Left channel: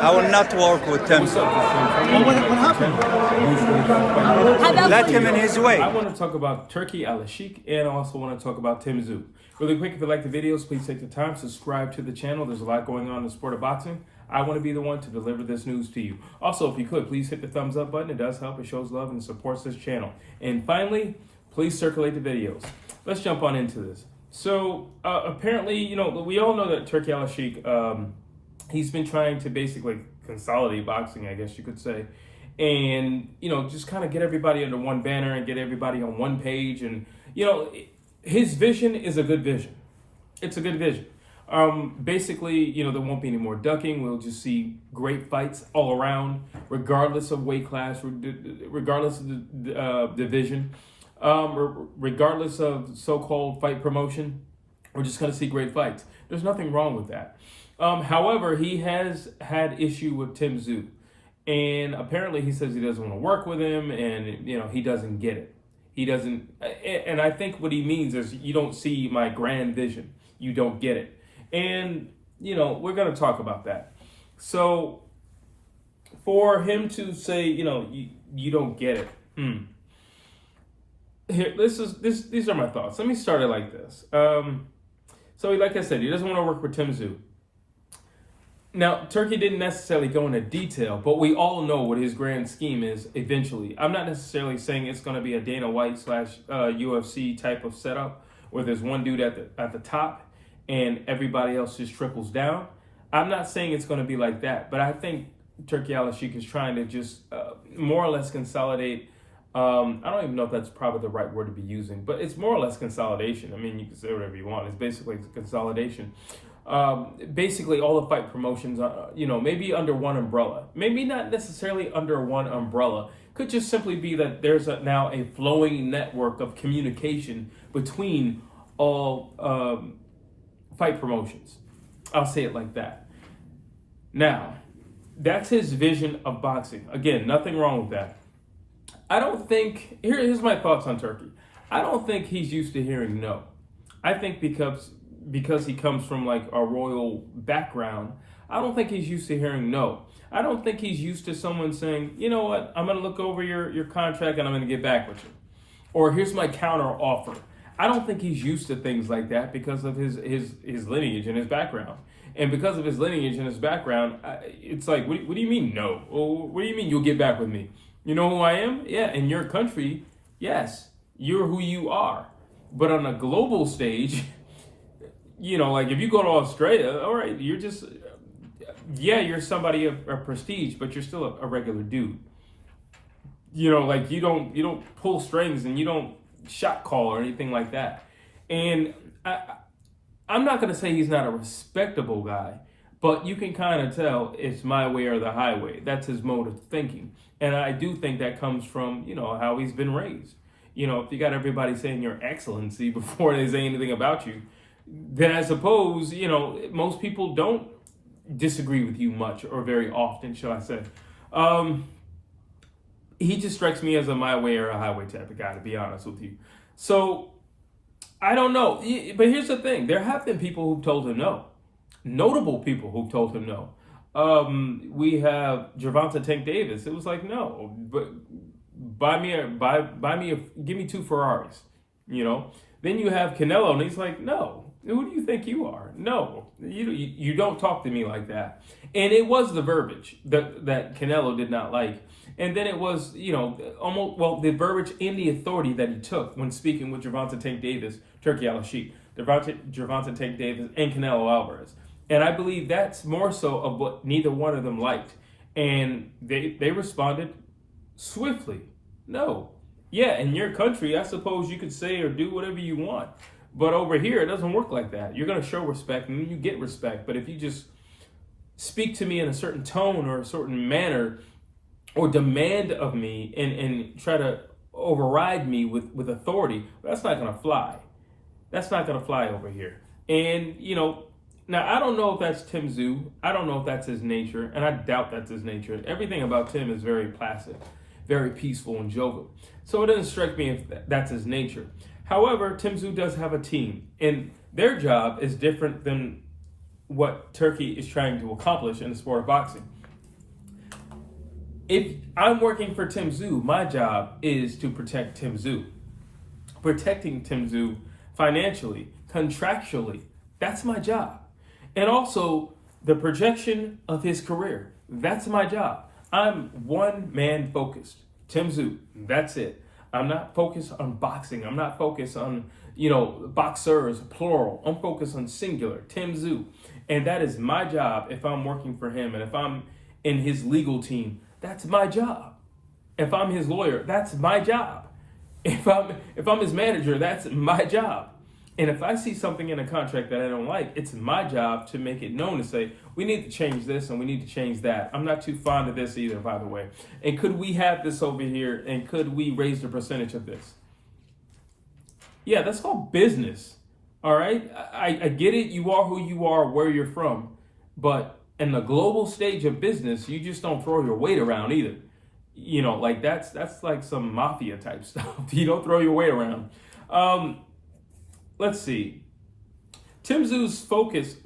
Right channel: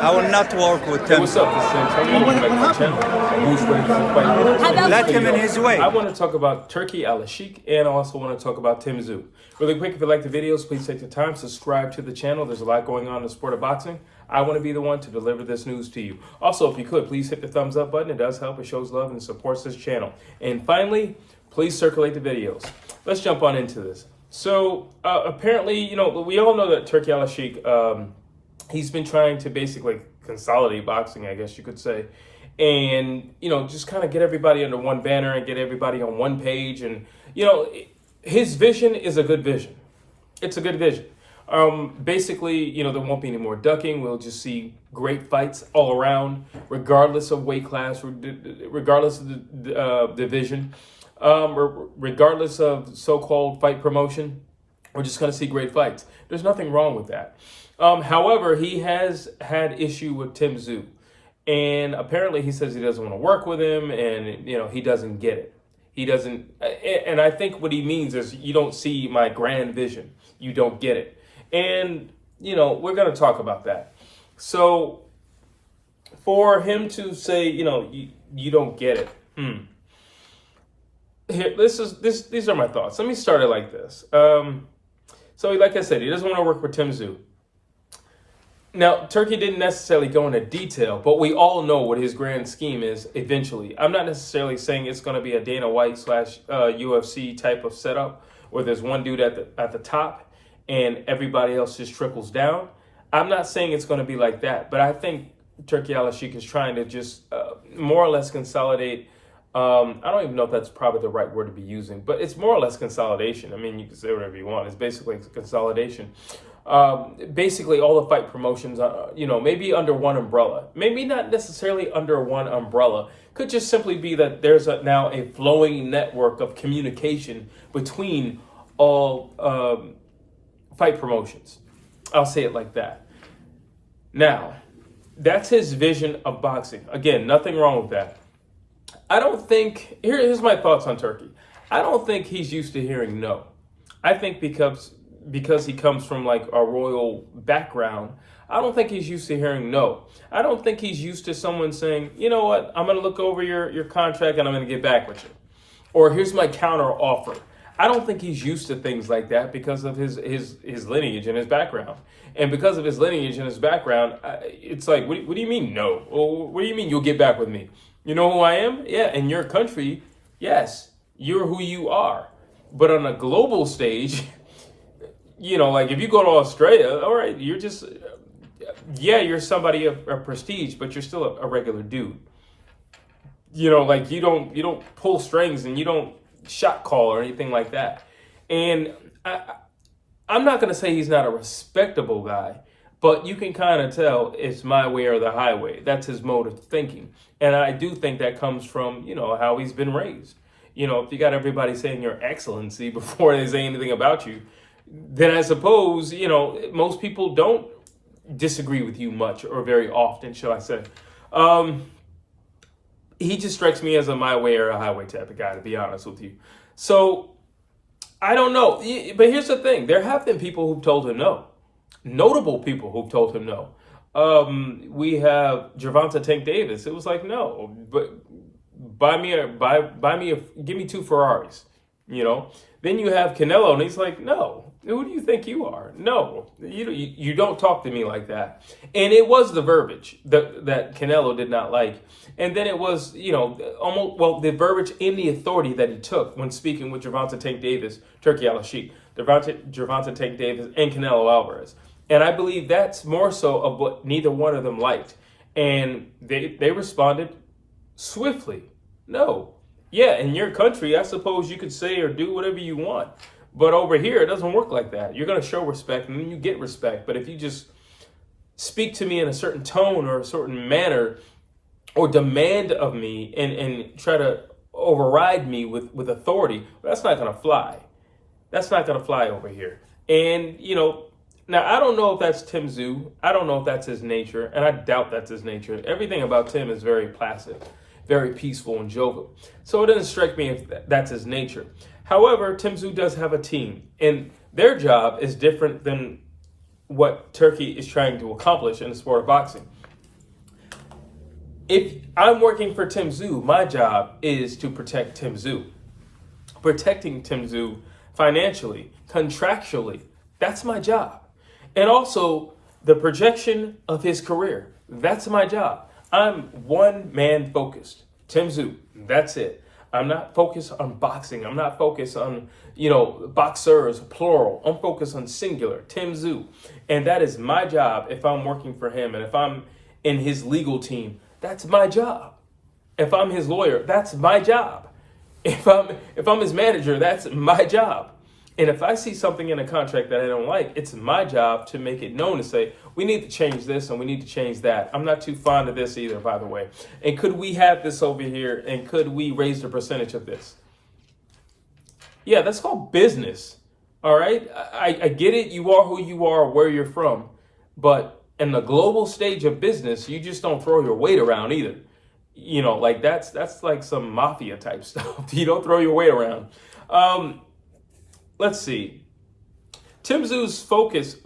I will not work with Tim. What's up? What happened? Let him in his way. I want to talk about Turki Alalshikh, and I also want to talk about Tim Tszyu. Really quick, if you like the videos, please take the time, subscribe to the channel. There's a lot going on in the sport of boxing. I want to be the one to deliver this news to you. Also, if you could, please hit the thumbs up button. It does help. It shows love and supports this channel. And finally, please circulate the videos. Let's jump on into this. So apparently, we all know that Turki Alalshikh, he's been trying to basically consolidate boxing, I guess you could say. And, just kind of get everybody under one banner and get everybody on one page. And, his vision is a good vision. It's a good vision. Basically, there won't be any more ducking. We'll just see great fights all around, regardless of weight class, regardless of the division, regardless of so-called fight promotion. We're just going to see great fights. There's nothing wrong with that. However, he has had issue with Tim Tszyu. And apparently he says he doesn't want to work with him and, he doesn't get it. He doesn't. And I think what he means is you don't see my grand vision. You don't get it. And, we're going to talk about that. So for him to say, you don't get it. Here, these are my thoughts. Let me start it like this. So like I said, he doesn't want to work with Tim Tszyu. Now, Turki didn't necessarily go into detail, but we all know what his grand scheme is eventually. I'm not necessarily saying it's going to be a Dana White / UFC type of setup where there's one dude at the top and everybody else just trickles down. I'm not saying it's going to be like that, but I think Turki Alalshikh is trying to just more or less consolidate. I don't even know if that's probably the right word to be using, but it's more or less consolidation. I mean, you can say whatever you want. It's basically consolidation. Basically all the fight promotions, maybe under one umbrella, maybe not necessarily under one umbrella, could just simply be that there's now a flowing network of communication between all fight promotions. I'll say it like that. Now, that's his vision of boxing. Again, nothing wrong with that. I don't think, here's my thoughts on Turki. I don't think he's used to hearing no. I think because he comes from like a royal background, I don't think he's used to hearing no. I don't think he's used to someone saying, you know what, I'm going to look over your contract and I'm going to get back with you. Or here's my counter offer. I don't think he's used to things like that because of his lineage and his background. And because of his lineage and his background, it's like, what do you mean no? Well, what do you mean you'll get back with me? You know who I am? Yeah, in your country, yes, you're who you are. But on a global stage, like if you go to Australia, all right, you're just, you're somebody of prestige, but you're still a regular dude. Like you don't pull strings and you don't shot call or anything like that. And I'm not going to say he's not a respectable guy, but you can kind of tell it's my way or the highway. That's his mode of thinking. And I do think that comes from, how he's been raised. If you got everybody saying your excellency before they say anything about you, then I suppose, most people don't disagree with you much or very often, shall I say. He just strikes me as a my way or a highway type of guy, to be honest with you. So, I don't know. But here's the thing. There have been people who've told him no. Notable people who've told him no. We have Gervonta Tank Davis. It was like, no, but give me 2 Ferraris, Then you have Canelo, and he's like, no, who do you think you are? No, you don't talk to me like that. And it was the verbiage that Canelo did not like. And then it was, the verbiage and the authority that he took when speaking with Gervonta Tank Davis, Turki Alalshikh, Gervonta Tank Davis, and Canelo Alvarez. And I believe that's more so of what neither one of them liked. And they responded swiftly. No. Yeah, in your country, I suppose you could say or do whatever you want. But over here, it doesn't work like that. You're going to show respect and then you get respect. But if you just speak to me in a certain tone or a certain manner or demand of me and try to override me with authority, that's not going to fly. That's not going to fly over here. And, now I don't know if that's Tim Tszyu. I don't know if that's his nature. And I doubt that's his nature. Everything about Tim is very placid, very peaceful and jovial. So it doesn't strike me if that's his nature. However, Tim Tszyu does have a team, and their job is different than what Turki is trying to accomplish in the sport of boxing. if I'm working for Tim Tszyu, my job is to protect Tim Tszyu. Protecting Tim Tszyu financially, contractually, that's my job. And also the projection of his career, that's my job. I'm one man focused. Tim Tszyu, that's it. I'm not focused on boxing. I'm not focused on, boxers, plural. I'm focused on singular, Tim Tszyu. And that is my job if I'm working for him. And if I'm in his legal team, that's my job. If I'm his lawyer, that's my job. If I'm his manager, that's my job. And if I see something in a contract that I don't like, it's my job to make it known, to say, we need to change this and we need to change that. I'm not too fond of this either, by the way. And could we have this over here? And could we raise the percentage of this? Yeah, that's called business. All right. I get it. You are who you are, where you're from. But in the global stage of business, you just don't throw your weight around either. Like that's like some mafia type stuff. You don't throw your weight around. Let's see. Tim Tszyu's focus,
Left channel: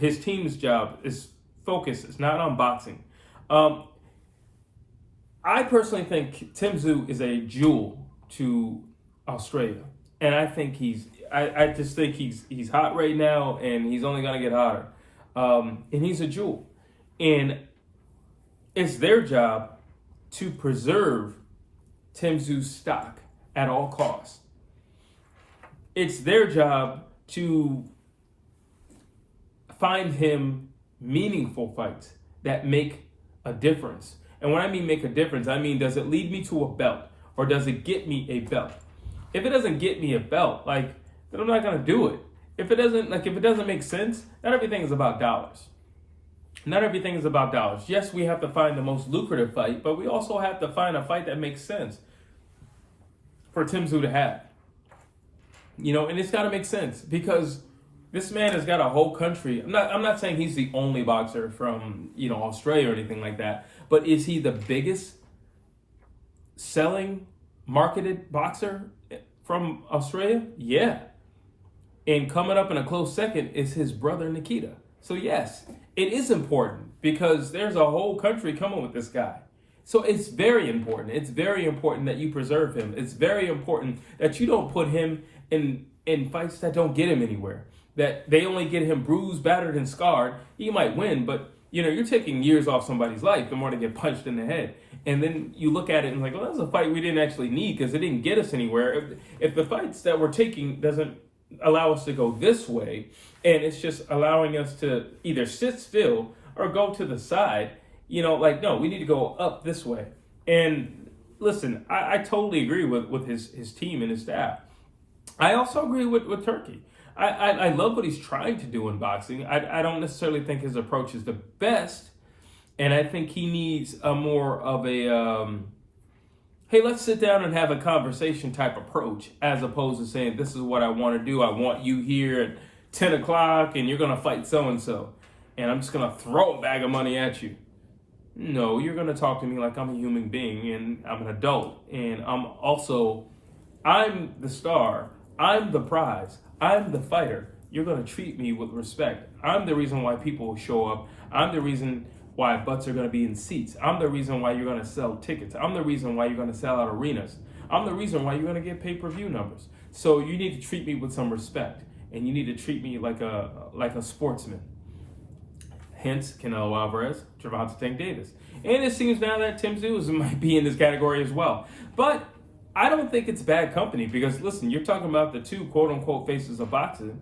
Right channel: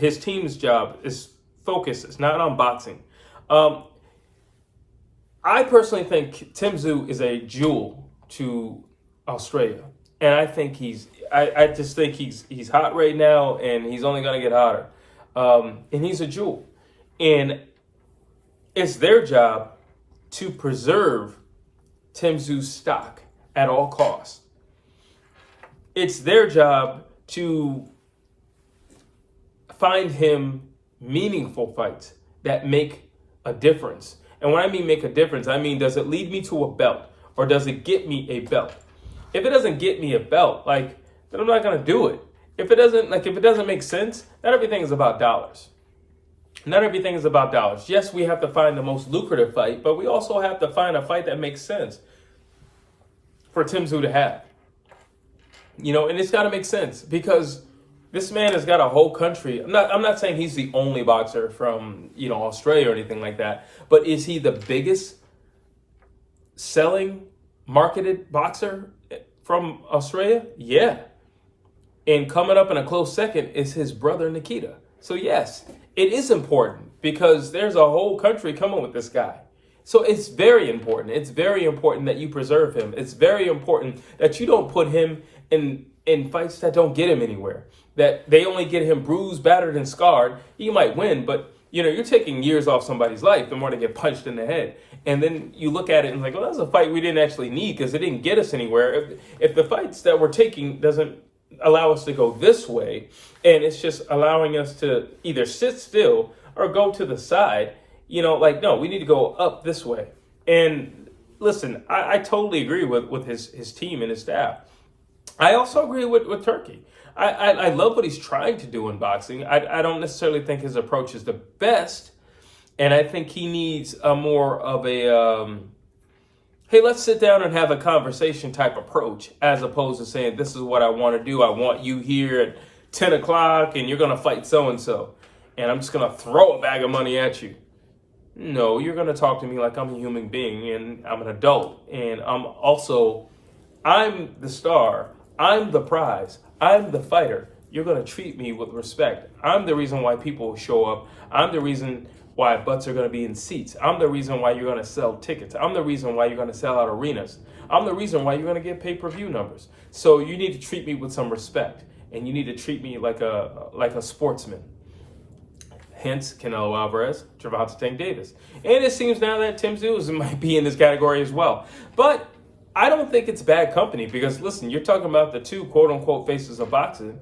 his team's job is focus. It's not on boxing. I personally think Tim Tszyu is a jewel to Australia. And I think I just think he's hot right now, and he's only going to get hotter. And he's a jewel. And it's their job to preserve Tim Tszyu's stock at all costs. It's their job to find him meaningful fights that make a difference. And when I mean make a difference, I mean, does it lead me to a belt, or does it get me a belt? If it doesn't get me a belt, then I'm not going to do it. If it doesn't make sense, not everything is about dollars. Not everything is about dollars. Yes, we have to find the most lucrative fight, but we also have to find a fight that makes sense for Tim Tszyu to have. And it's got to make sense, because this man has got a whole country. I'm not saying he's the only boxer from, Australia or anything like that, but is he the biggest selling marketed boxer from Australia? Yeah. And coming up in a close second is his brother Nikita. So yes, it is important, because there's a whole country coming with this guy. So it's very important. It's very important that you preserve him. It's very important that you don't put him in fights that don't get him anywhere, that they only get him bruised, battered, and scarred. He might win, but you're taking years off somebody's life in order to get punched in the head. And then you look at it and well, that's a fight we didn't actually need, because it didn't get us anywhere. If the fights that we're taking doesn't allow us to go this way, and it's just allowing us to either sit still or go to the side, no, we need to go up this way. And listen, I totally agree with his team and his staff. I also agree with Turki. I love what he's trying to do in boxing. I don't necessarily think his approach is the best. And I think he needs a more of a, hey, let's sit down and have a conversation type approach, as opposed to saying, this is what I want to do. I want you here at 10 o'clock and you're going to fight so-and-so. And I'm just going to throw a bag of money at you. No, you're going to talk to me like I'm a human being and I'm an adult. And I'm the star. I'm the prize. I'm the fighter. You're going to treat me with respect. I'm the reason why people show up. I'm the reason why butts are going to be in seats. I'm the reason why you're going to sell tickets. I'm the reason why you're going to sell out arenas. I'm the reason why you're going to get pay-per-view numbers. So you need to treat me with some respect, and you need to treat me like a sportsman. Hence, Canelo Alvarez, Gervonta Tank Davis. And it seems now that Tim Tszyu might be in this category as well. But I don't think it's bad company, because listen, you're talking about the two quote-unquote faces of boxing.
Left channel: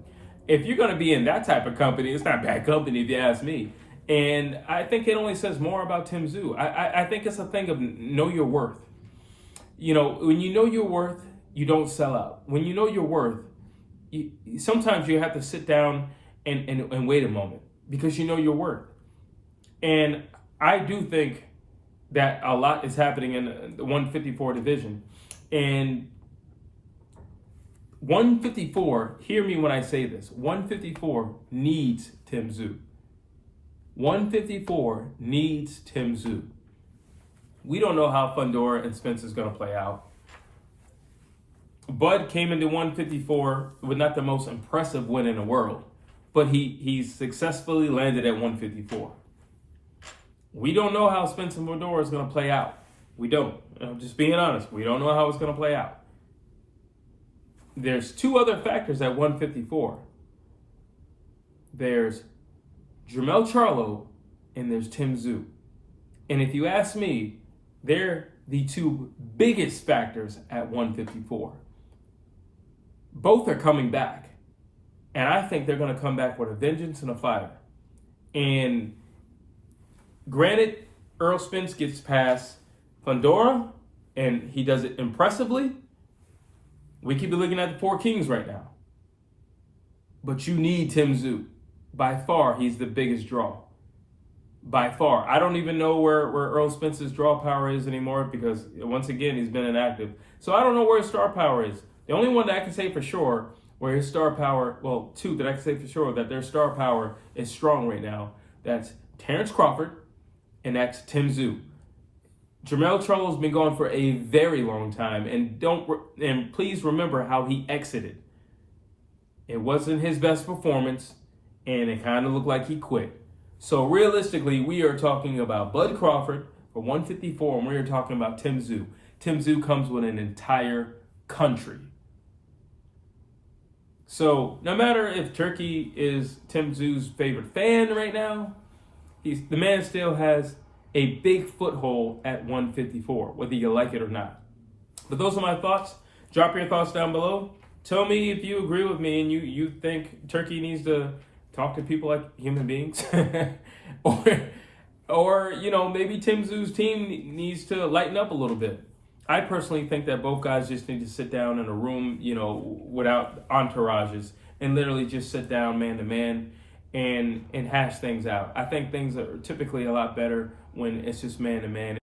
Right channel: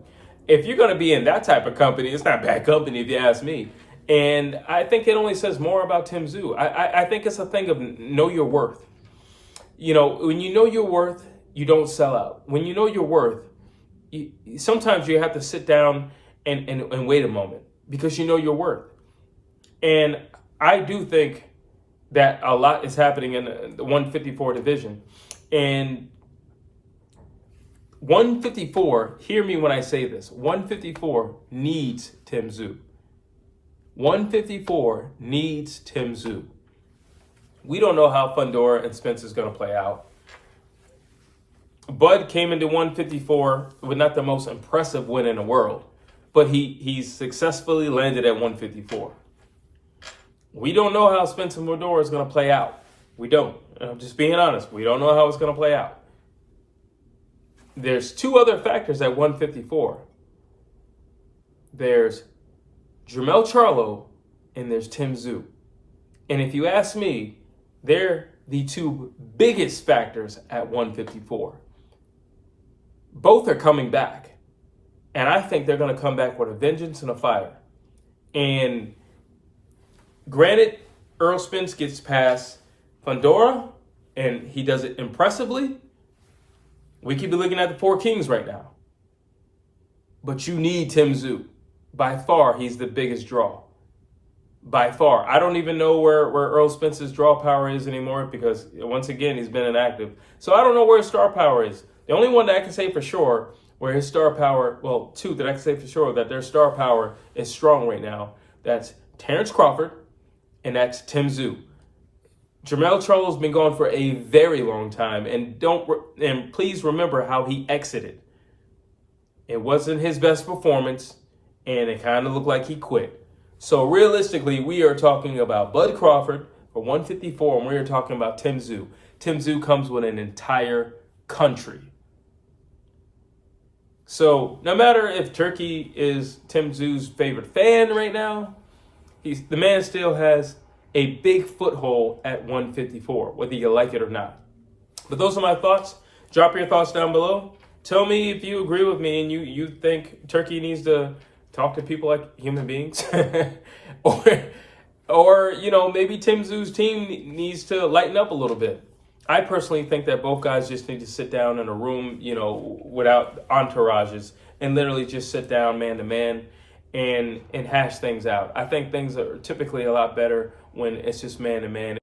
If you're going to be in that type of company, it's not bad company if you ask me. And I think it only says more about Tim Tszyu. I think it's a thing of know your worth. When you know your worth, you don't sell out. When you know your worth, sometimes you have to sit down and wait a moment, because you know your worth. And I do think that a lot is happening in the 154 division. And 154, hear me when I say this, 154 needs Tim Tszyu. 154 needs Tim Tszyu. We don't know how Fundora and Spence is going to play out. Bud came into 154 with not the most impressive win in the world, but he's successfully landed at 154. We don't know how Spencer Fedor is going to play out. We don't. I'm just being honest. We don't know how it's going to play out. There's two other factors at 154. There's Jermell Charlo and there's Tim Tszyu. And if you ask me, they're the two biggest factors at 154. Both are coming back. And I think they're going to come back with a vengeance and a fire. And granted, Errol Spence gets past Fundora, and he does it impressively. We could be looking at the Four Kings right now. But you need Tim Tszyu. By far, he's the biggest draw. By far. I don't even know where Errol Spence's draw power is anymore because, once again, he's been inactive. So I don't know where his star power is. The only one that I can say for sure where his star power, well, two that I can say for sure that their star power is strong right now, that's Terrence Crawford and that's Tim Tszyu. Jermell Charlo's been gone for a very long time, and please remember how he exited. It wasn't his best performance, and it kind of looked like he quit. So realistically, we are talking about Bud Crawford for 154, and we are talking about Tim Tszyu. Tim Tszyu comes with an entire country. So no matter if Turki is Tim Tszyu's favorite fan right now, the man still has a big foothold at 154, whether you like it or not. But those are my thoughts. Drop your thoughts down below. Tell me if you agree with me and you think Turki needs to talk to people like human beings. or maybe Tim Tszyu's team needs to lighten up a little bit. I personally think that both guys just need to sit down in a room, without entourages and literally just sit down man to man and hash things out. I think things are typically a lot better when it's just man to man.